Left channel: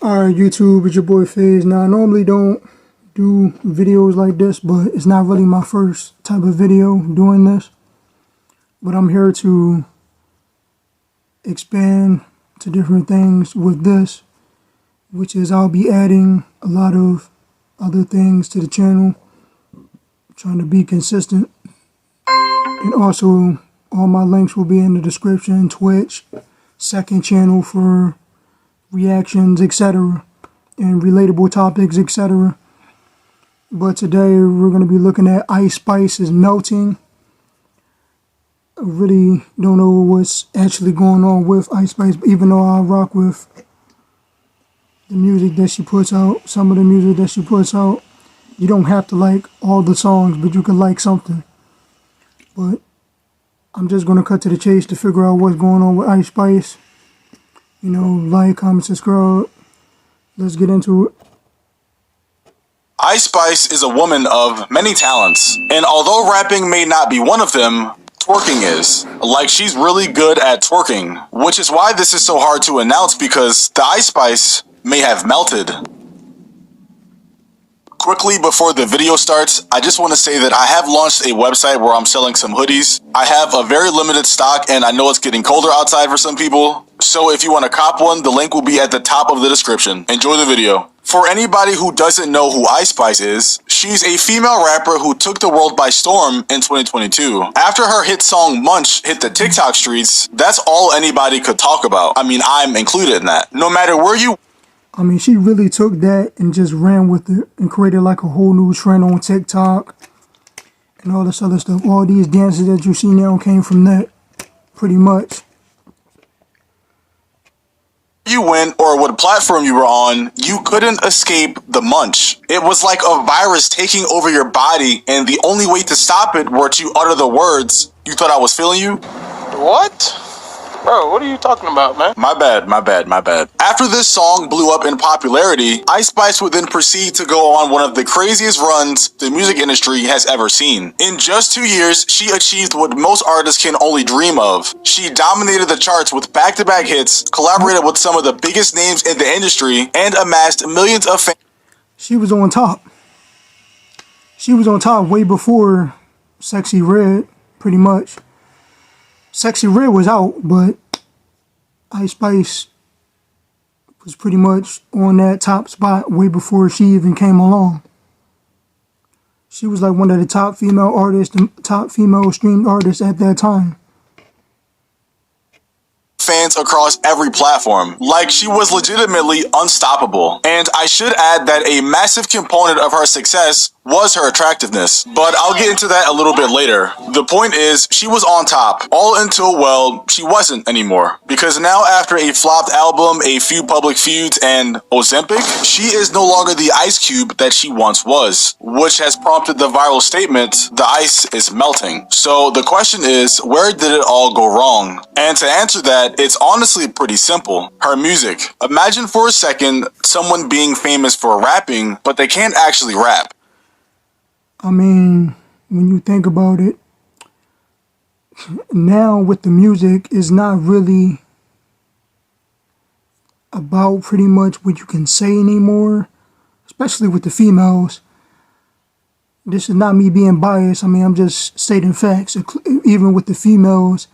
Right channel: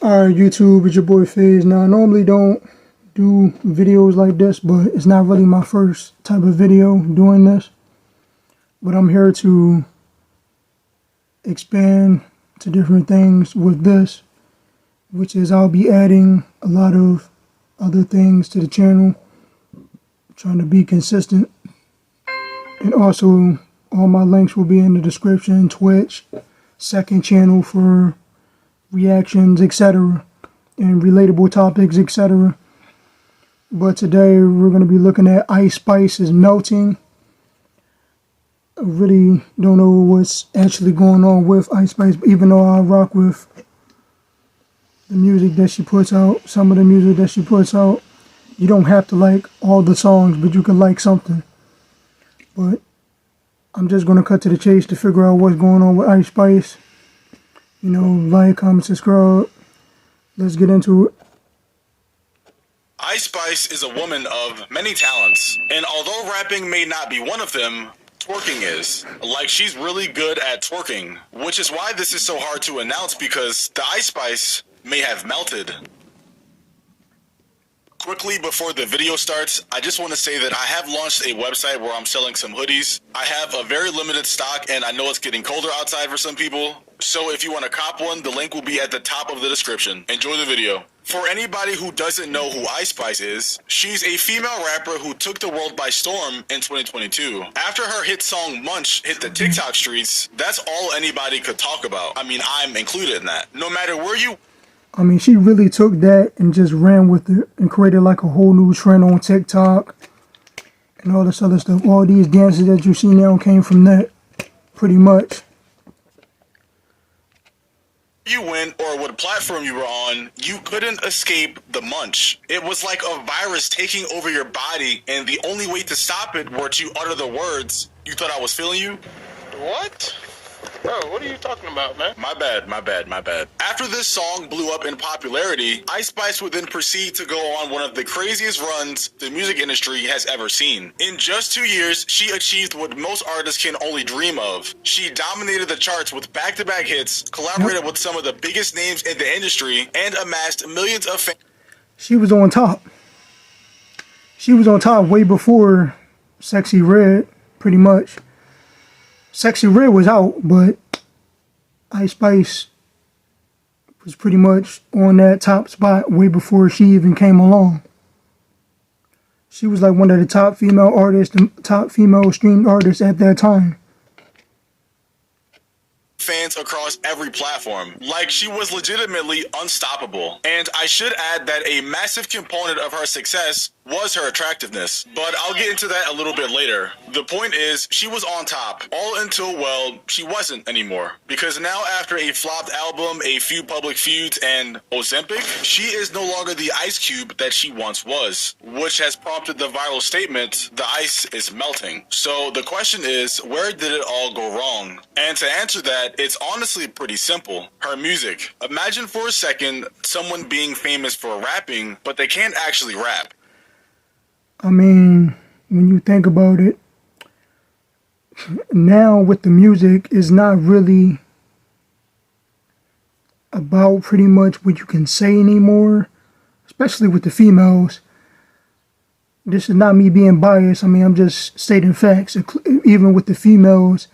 Alright, YouTube, it's your boy FaZe. Now, I normally don't do videos like this, but it's not really my first type of video doing this. But I'm here to expand to different things with this, which is I'll be adding a lot of other things to the channel, trying to be consistent. And also, all my links will be in the description, Twitch, second channel for reactions, etc., and relatable topics, etc. But today we're going to be looking at Ice Spice is Melting. I really don't know what's actually going on with Ice Spice, even though I rock with the music that she puts out, some of the music that she puts out. You don't have to like all the songs, but you can like something. But I'm just going to cut to the chase to figure out what's going on with Ice Spice. You know, like, comment, subscribe. Let's get into it. Ice Spice is a woman of many talents, and although rapping may not be one of them, twerking is. Like, she's really good at twerking, which is why this is so hard to announce, because the Ice Spice may have melted. Quickly before the video starts, I just want to say that I have launched a website where I'm selling some hoodies. I have a very limited stock, and I know it's getting colder outside for some people. So if you want to cop one, the link will be at the top of the description. Enjoy the video. For anybody who doesn't know who Ice Spice is, she's a female rapper who took the world by storm in 2022. After her hit song Munch hit the TikTok streets, that's all anybody could talk about. I mean, I'm included in that. No matter where you... I mean, she really took that and just ran with it and created like a whole new trend on TikTok and all this other stuff. All these dances that you see now came from that, pretty much. You went or what platform you were on, you couldn't escape the munch. It was like a virus taking over your body, and the only way to stop it were to utter the words, "You thought I was feeling you?" What? Bro, what are you talking about, man? My bad. After this song blew up in popularity, Ice Spice would then proceed to go on one of the craziest runs the music industry has ever seen. In just 2 years, she achieved what most artists can only dream of. She dominated the charts with back-to-back hits, collaborated with some of the biggest names in the industry, and amassed millions of fans. She was on top. She was on top way before Sexy Red, pretty much. Sexy Red was out, but Ice Spice was pretty much on that top spot way before she even came along. She was like one of the top female artists, the top female streamed artists at that time. Fans across every platform. Like, she was legitimately unstoppable. And I should add that a massive component of her success was her attractiveness, but I'll get into that a little bit later. The point is, she was on top, all until, well, she wasn't anymore. Because now, after a flopped album, a few public feuds, and Ozempic, she is no longer the Ice Cube that she once was, which has prompted the viral statement, "The ice is melting." So the question is, where did it all go wrong? And to answer that, it's honestly pretty simple. Her music. Imagine for a second someone being famous for rapping, but they can't actually rap. I mean, when you think about it, now with the music, it's not really about pretty much what you can say anymore, especially with the females. This is not me being biased. I mean, I'm just stating facts. Even with the females,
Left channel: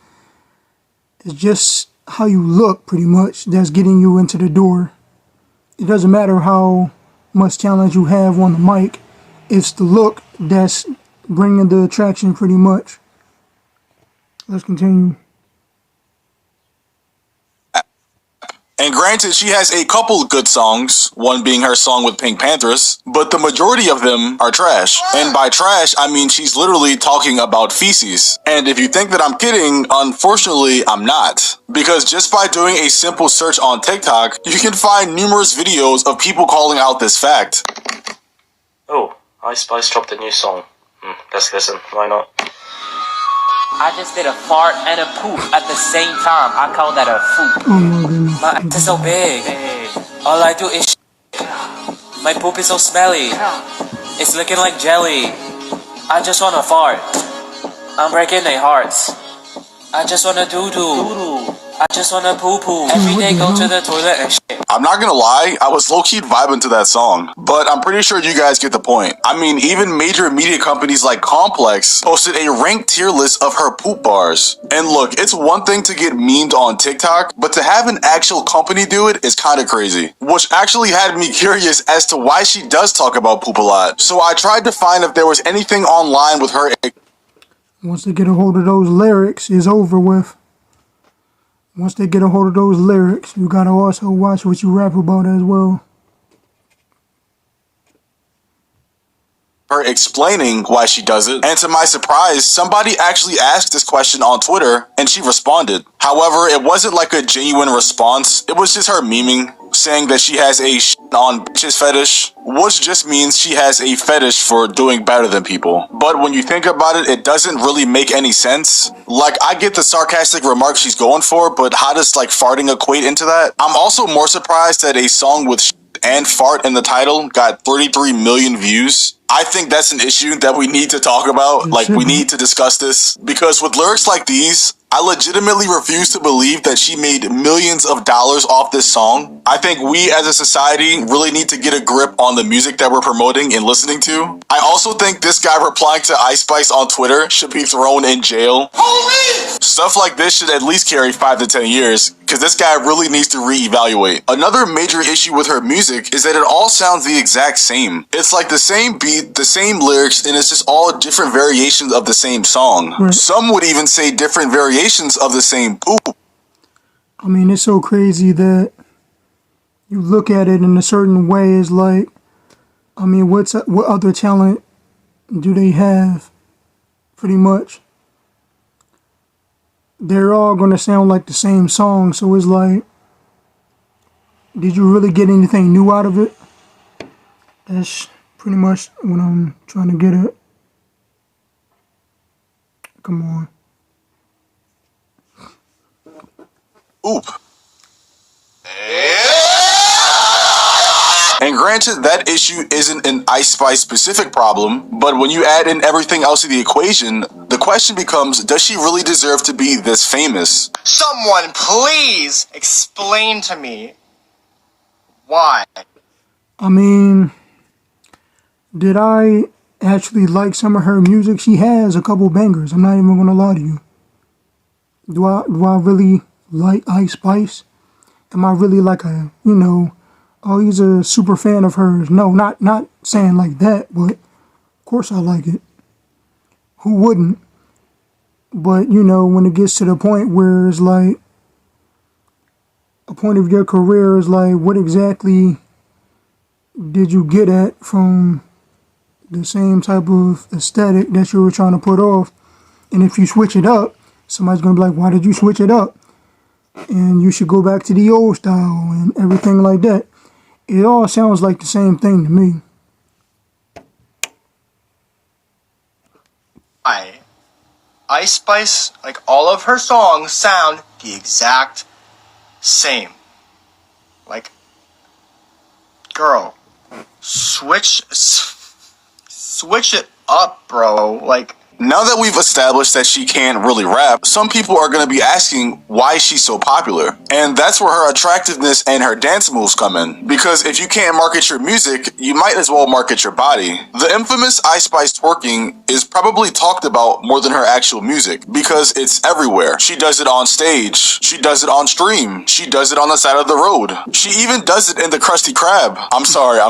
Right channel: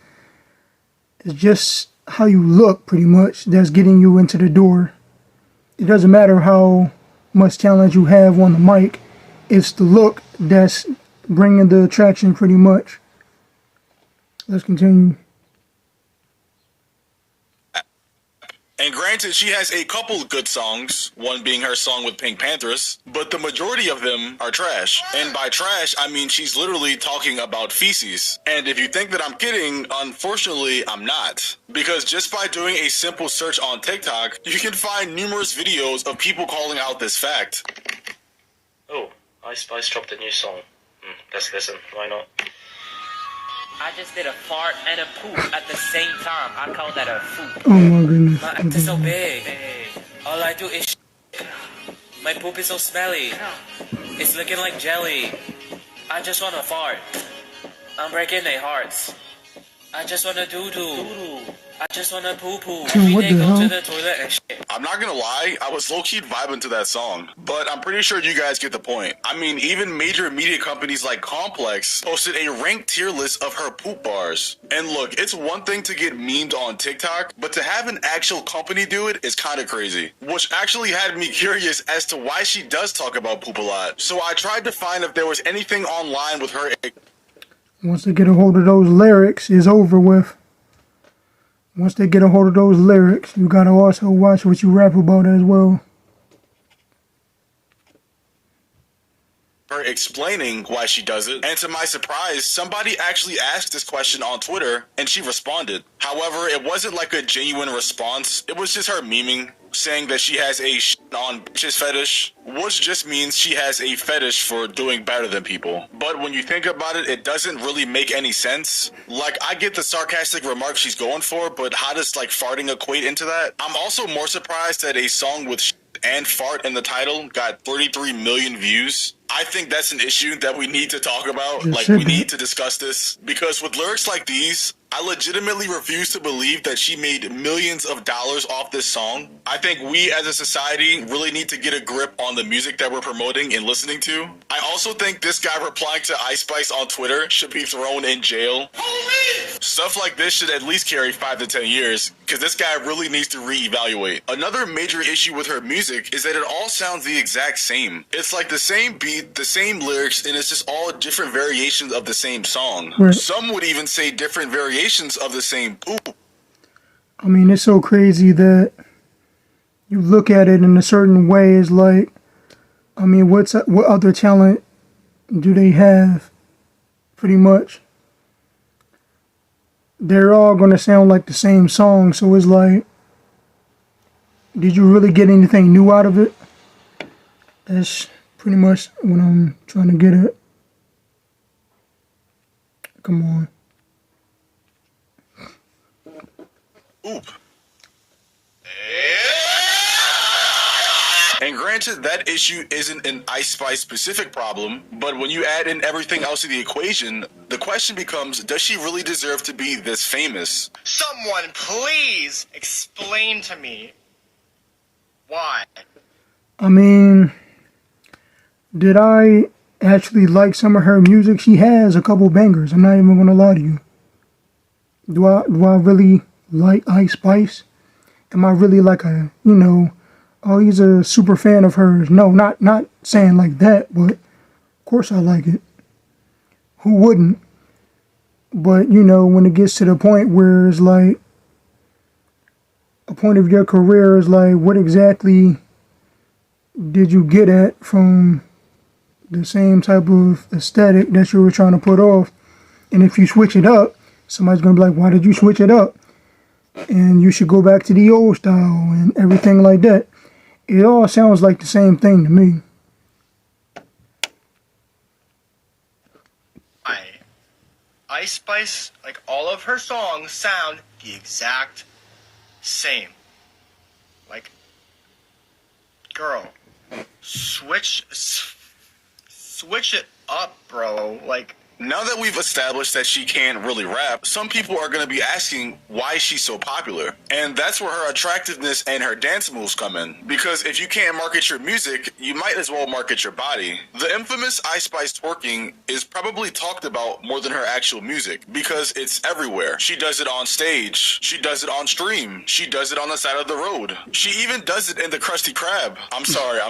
it's just how you look pretty much that's getting you into the door. It doesn't matter how much talent you have on the mic. It's the look that's bringing the attraction pretty much. Let's continue. And granted, she has a couple good songs, one being her song with Pink Panthers, but the majority of them are trash. And by trash, I mean she's literally talking about feces. And if you think that I'm kidding, unfortunately, I'm not. Because just by doing a simple search on TikTok, you can find numerous videos of people calling out this fact. Oh, Ice Spice dropped a new song. Let's listen, why not? I just did a fart and a poop at the same time. I call that a poop. Oh my goodness. My ass is so big. All I do is my poop is so smelly. It's looking like jelly. I just wanna fart. I'm breaking their hearts. I just wanna doo-doo. I just wanna poo-poo. Every day go to the toilet and shit. I'm not gonna lie, I was low-key vibing to that song, but I'm pretty sure you guys get the point. I mean, even major media companies like Complex posted a ranked tier list of her poop bars. And look, it's one thing to get memed on TikTok, but to have an actual company do it is kinda crazy. Which actually had me curious as to why she does talk about poop a lot. So I tried to find if there was anything online with her. Once they get a hold of those lyrics, it's over with. Once they get a hold of those lyrics, you gotta also watch what you rap about as well. Her explaining why she does it, and to my surprise, somebody actually asked this question on Twitter, and she responded. However, it wasn't like a genuine response, it was just her memeing, saying that she has a on bitches fetish, which just means she has a fetish for doing better than people. But when you think about it, it doesn't really make any sense. Like, I get the sarcastic remark she's going for, but how does like farting equate into that? I'm also more surprised that a song with and fart in the title got 33 million views. I think that's an issue that we need to talk about. Like, we need to discuss this, because with lyrics like these, I legitimately refuse to believe that she made millions of dollars off this song. I think we as a society really need to get a grip on the music that we're promoting and listening to. I also think this guy replying to Ice Spice on Twitter should be thrown in jail. Holy! Stuff like this should at least carry 5 to 10 years, because this guy really needs to reevaluate. Another major issue with her music is that it all sounds the exact same. It's like the same beat, the same lyrics, and it's just all different variations of the same song. Right. Some would even say different variations of the same poop. I mean, it's so crazy that you look at it in a certain way. It's like, I mean, what other talent do they have? Pretty much. They're all going to sound like the same song. So it's like, did you really get anything new out of it? That's pretty much what I'm trying to get at. Come on. Oop. And granted, that issue isn't an Ice Spice specific problem, but when you add in everything else to the equation, the question becomes, does she really deserve to be this famous? Someone please explain to me why. I mean, did I actually like some of her music? She has a couple bangers. I'm not even gonna lie to you. Do I really like Ice Spice? Am I really like a, you know, oh, he's a super fan of hers? No, not saying like that, but of course I like it. Who wouldn't? But, you know, when it gets to the point where it's like, a point of your career is like, what exactly did you get at from the same type of aesthetic that you were trying to put off? And if you switch it up, somebody's going to be like, why did you switch it up? And you should go back to the old style and everything like that. It all sounds like the same thing to me. Ice Spice, like all of her songs, sound the exact same. Like, girl, switch it up, bro. Like, now that we've established that she can't really rap, some people are going to be asking why she's so popular. And that's where her attractiveness and her dance moves come in. Because if you can't market your music, you might as well market your body. The infamous Ice Spice twerking is probably talked about more than her actual music, because it's everywhere. She does it on stage. She does it on stream. She does it on the side of the road. She even does it in the Krusty Krab. I'm sorry.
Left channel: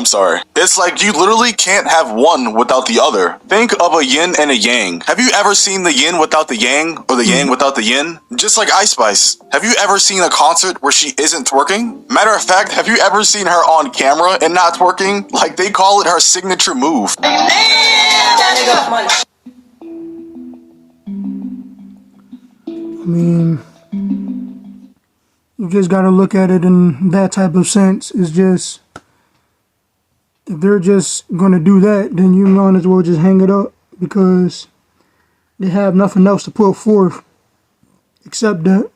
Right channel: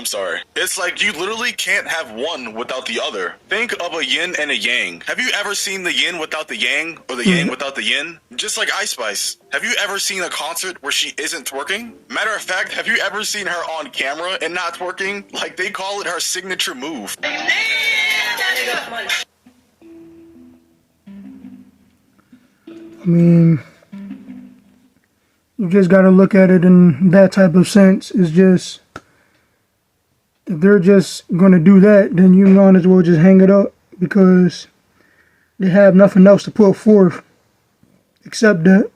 It's like you literally can't have one without the other. Think of a yin and a yang. Have you ever seen the yin without the yang, or the yang without the yin? Just like Ice Spice. Have you ever seen a concert where she isn't twerking? Matter of fact, have you ever seen her on camera and not twerking? Like, they call it her signature move. I mean, you just gotta look at it in that type of sense. It's just, if they're just gonna do that, then you might as well just hang it up, because they have nothing else to put forth except that.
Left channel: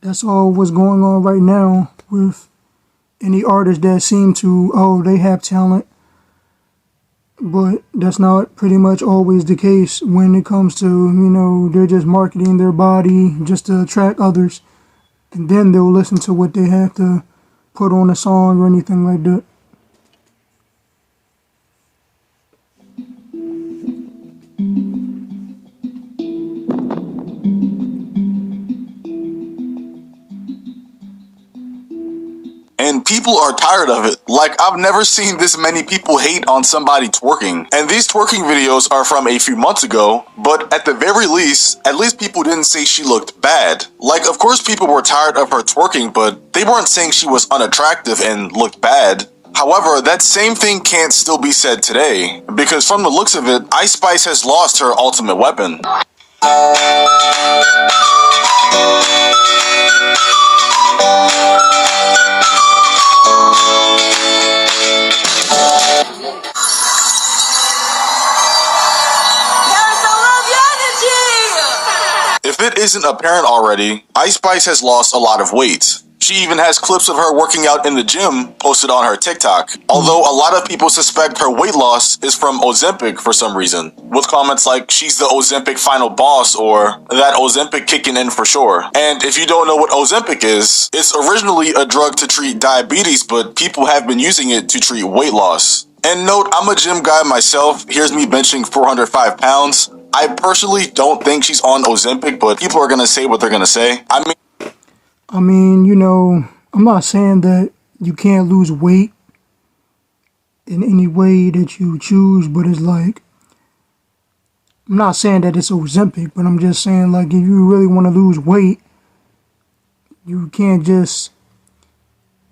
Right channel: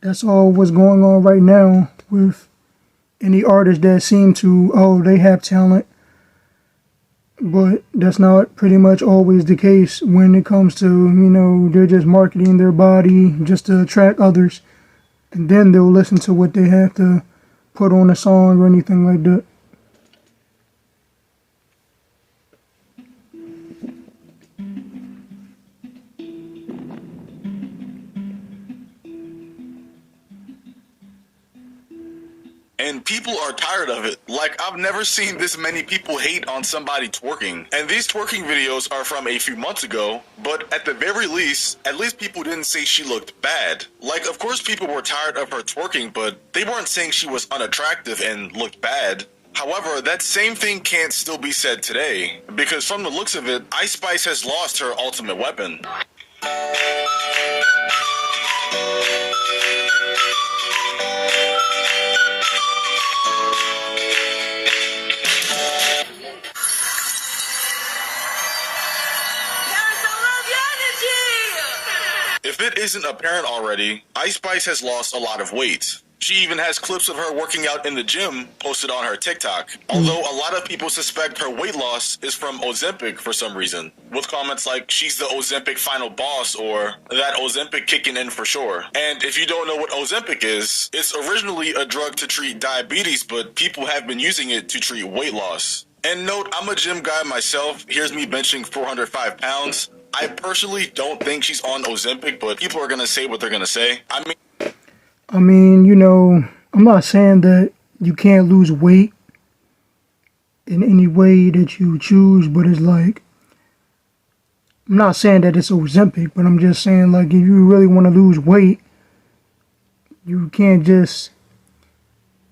That's all what's going on right now with any artists that seem to, oh, they have talent. But that's not pretty much always the case when it comes to, you know, they're just marketing their body just to attract others. and then they'll listen to what they have to put on a song or anything like that. And people are tired of it. Like, I've never seen this many people hate on somebody twerking. And these twerking videos are from a few months ago, but at the very least, at least people didn't say she looked bad. Like, of course people were tired of her twerking, but they weren't saying she was unattractive and looked bad. However, that same thing can't still be said today, because from the looks of it, Ice Spice has lost her ultimate weapon. If it isn't apparent already, Ice Spice has lost a lot of weight. She even has clips of her working out in the gym posted on her TikTok. Although a lot of people suspect her weight loss is from Ozempic for some reason, with comments like she's the Ozempic final boss or that Ozempic kicking in for sure. And if you don't know what Ozempic is, it's originally a drug to treat diabetes, but people have been using it to treat weight loss. And note, I'm a gym guy myself. Here's me benching 405 pounds. I personally don't think she's on Ozempic, but people are going to say what they're going to say. I mean, you know, I'm not saying that you can't lose weight in any way that you choose, but it's like, I'm not saying that it's Ozempic, but I'm just saying, like, if you really want to lose weight, you can't just,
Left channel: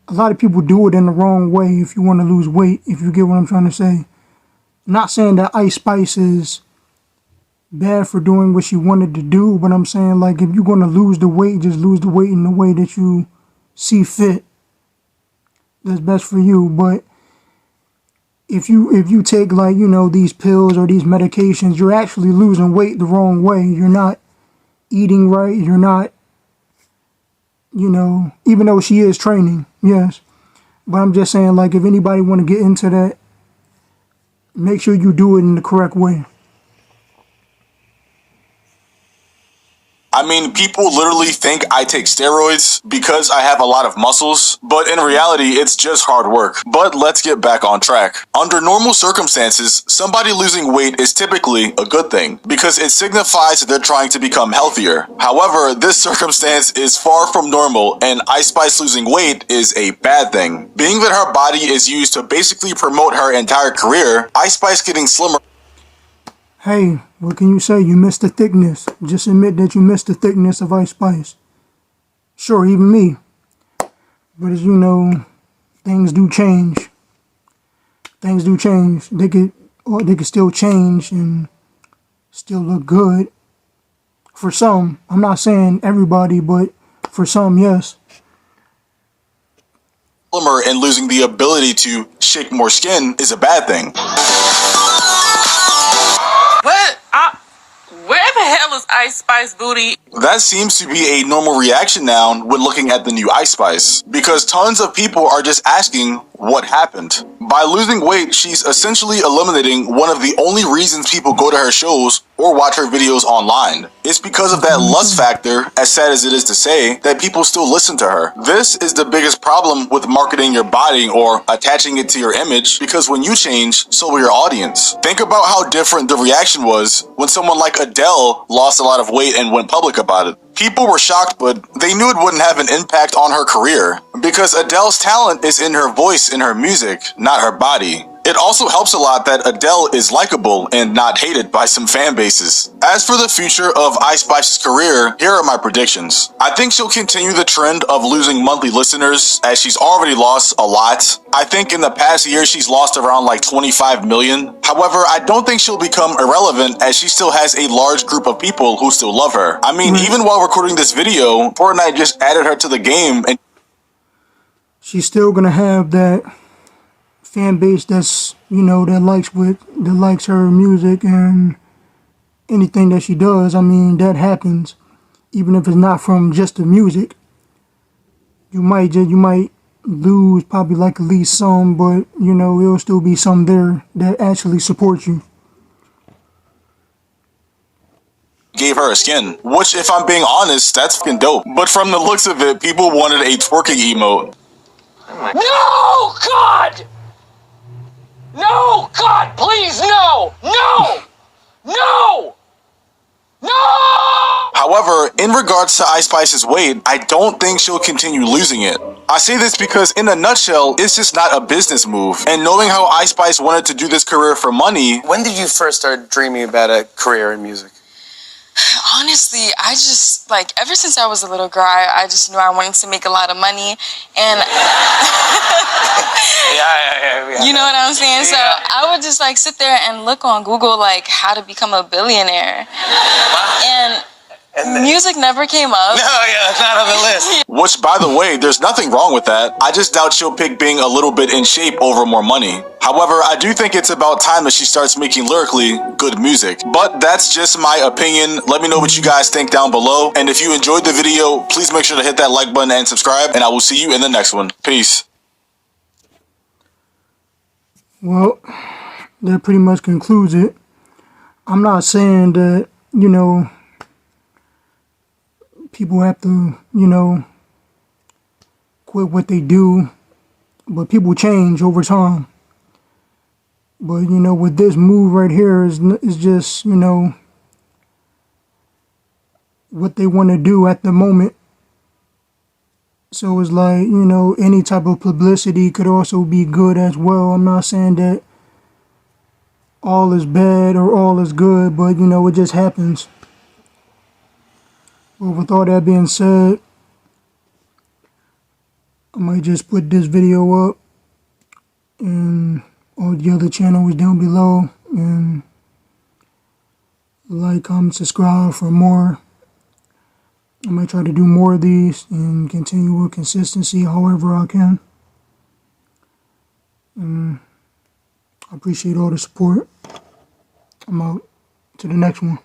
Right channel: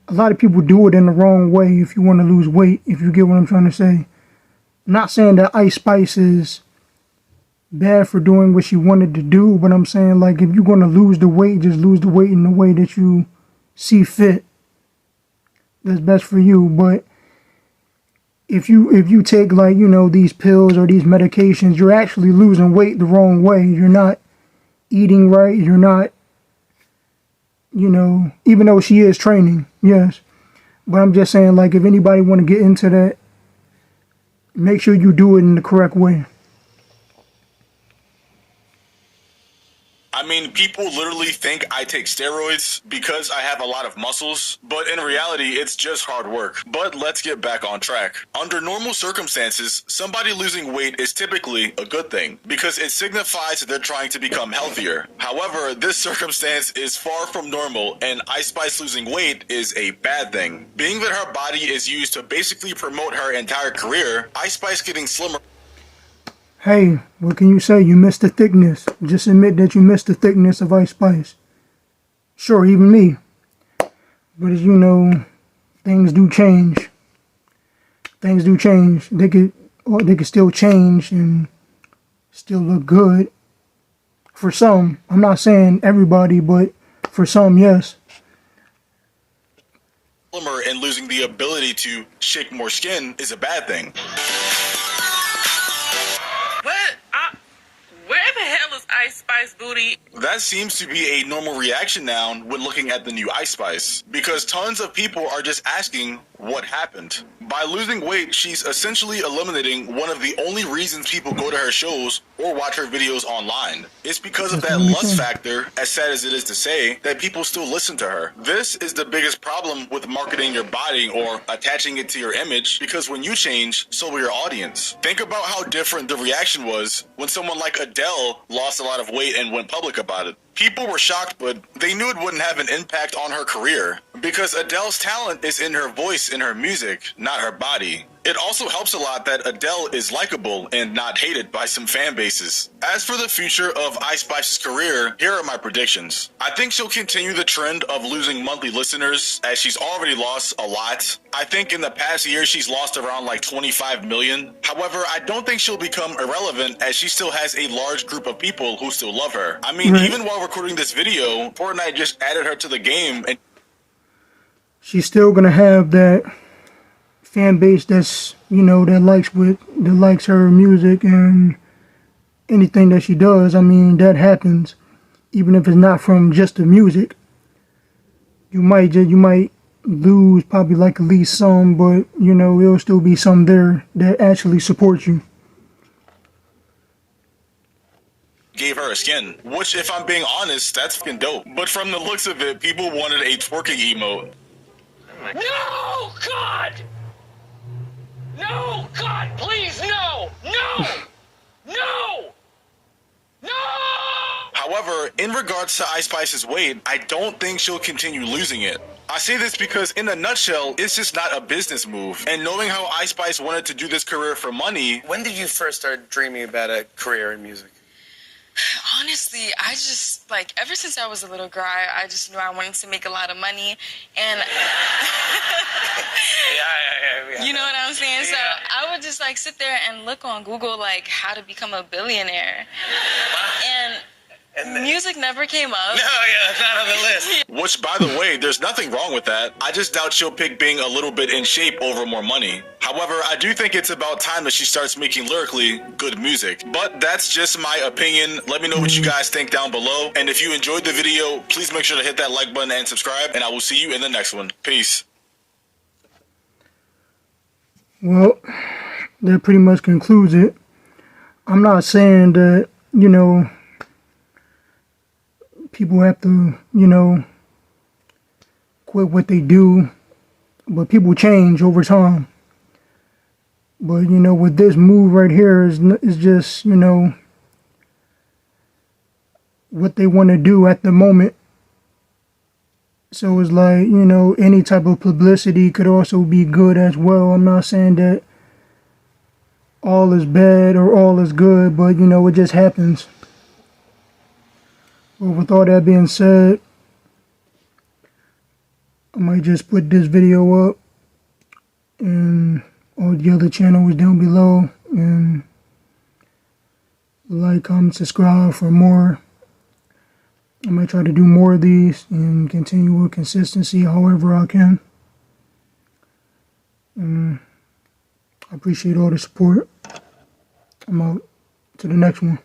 a lot of people do it in the wrong way if you want to lose weight, if you get what I'm trying to say. I'm not saying that Ice Spice is bad for doing what she wanted to do, but I'm saying, like, if you're going to lose the weight, just lose the weight in the way that you see that's best for you. But if you take, like, you know, these pills or these medications, you're actually losing weight the wrong way. You're not eating right. You're not, you know, even though she is training, yes. But I'm just saying, like, if anybody want to get into that, make sure you do it in the correct way. I mean, people literally think I take steroids because I have a lot of muscles, but in reality, it's just hard work. But let's get back on track. Under normal circumstances, somebody losing weight is typically a good thing because it signifies that they're trying to become healthier. However, this circumstance is far from normal, and Ice Spice losing weight is a bad thing. Being that her body is used to basically promote her entire career, Ice Spice getting slimmer. Hey, what can you say? You missed the thickness. Just admit that you missed the thickness of Ice Spice. Sure, even me. But as you know, things do change. Things do change. They could still change and still look good. For some, I'm not saying everybody, but for some, yes. Slimmer and losing the ability to shake more skin is a bad thing. Where the hell is Ice Spice booty? That seems to be a normal reaction now when looking at the new Ice Spice, because tons of people are just asking what happened. By losing weight, she's essentially eliminating one of the only reasons people go to her shows or watch her videos online. It's because of that lust factor, as sad as it is to say, that people still listen to her. This is the biggest problem with marketing your body or attaching it to your image, because when you change, so will your audience. Think about how different the reaction was when someone like Adele lost a lot of weight and went public about it. People were shocked, but they knew it wouldn't have an impact on her career, because Adele's talent is in her voice, in her music, not her body. It also helps a lot that Adele is likable and not hated by some fan bases. As for the future of Ice Spice's career, here are my predictions. I think she'll continue the trend of losing monthly listeners, as she's already lost a lot. I think in the past year she's lost around like 25 million. However, I don't think she'll become irrelevant, as she still has a large group of people who still love her. I mean, even while recording this video, Fortnite just added her to the game, and she's still gonna have that fan base that's, you know, that likes her music and anything that she does. I mean, that happens, even if it's not from just the music. You might lose probably like at least some, but you know, it'll still be some there that actually support you. gave her a skin. Which, if I'm being honest, that's fucking dope. But from the looks of it, people wanted a twerking emote. No, God! No, God, please, no! No! No! No! However, in regards to Ice Spice's weight, I don't think she'll continue losing it. I say this because, in a nutshell, it's just not a business move. And knowing how Ice Spice wanted to do this career for money... When did you first start dreaming about a career in music? Honestly, I just, like, ever since I was a little girl, I just knew I wanted to make a lot of money. And Yeah. you know what I'm saying? So I would just, like, sit there and look on Google, like, how to become a billionaire. And music never came up. No, yeah, it's not on the list. Which, by the way, there's nothing wrong with that. I just doubt she'll pick being a little bit in shape over more money. However, I do think it's about time that she starts making lyrically good music. But that's just my opinion. Let me know what you guys think down below. And if you enjoyed the video, please make sure to hit that like button and subscribe. And I will see you in the next one. Peace. Well, that pretty much concludes it. I'm not saying that, you know, people have to, you know, quit what they do, but people change over time. But, you know, with this move right here is just, you know, what they want to do at the moment. So it's like, you know, any type of publicity could also be good as well. I'm not saying that all is bad or all is good, but, you know, it just happens. Well, with all that being said, I might just put this video up and all the other channels down below, and like, comment, subscribe for more. I might try to do more of these and continue with consistency however I can. And I appreciate all the support. I'm out to the next one.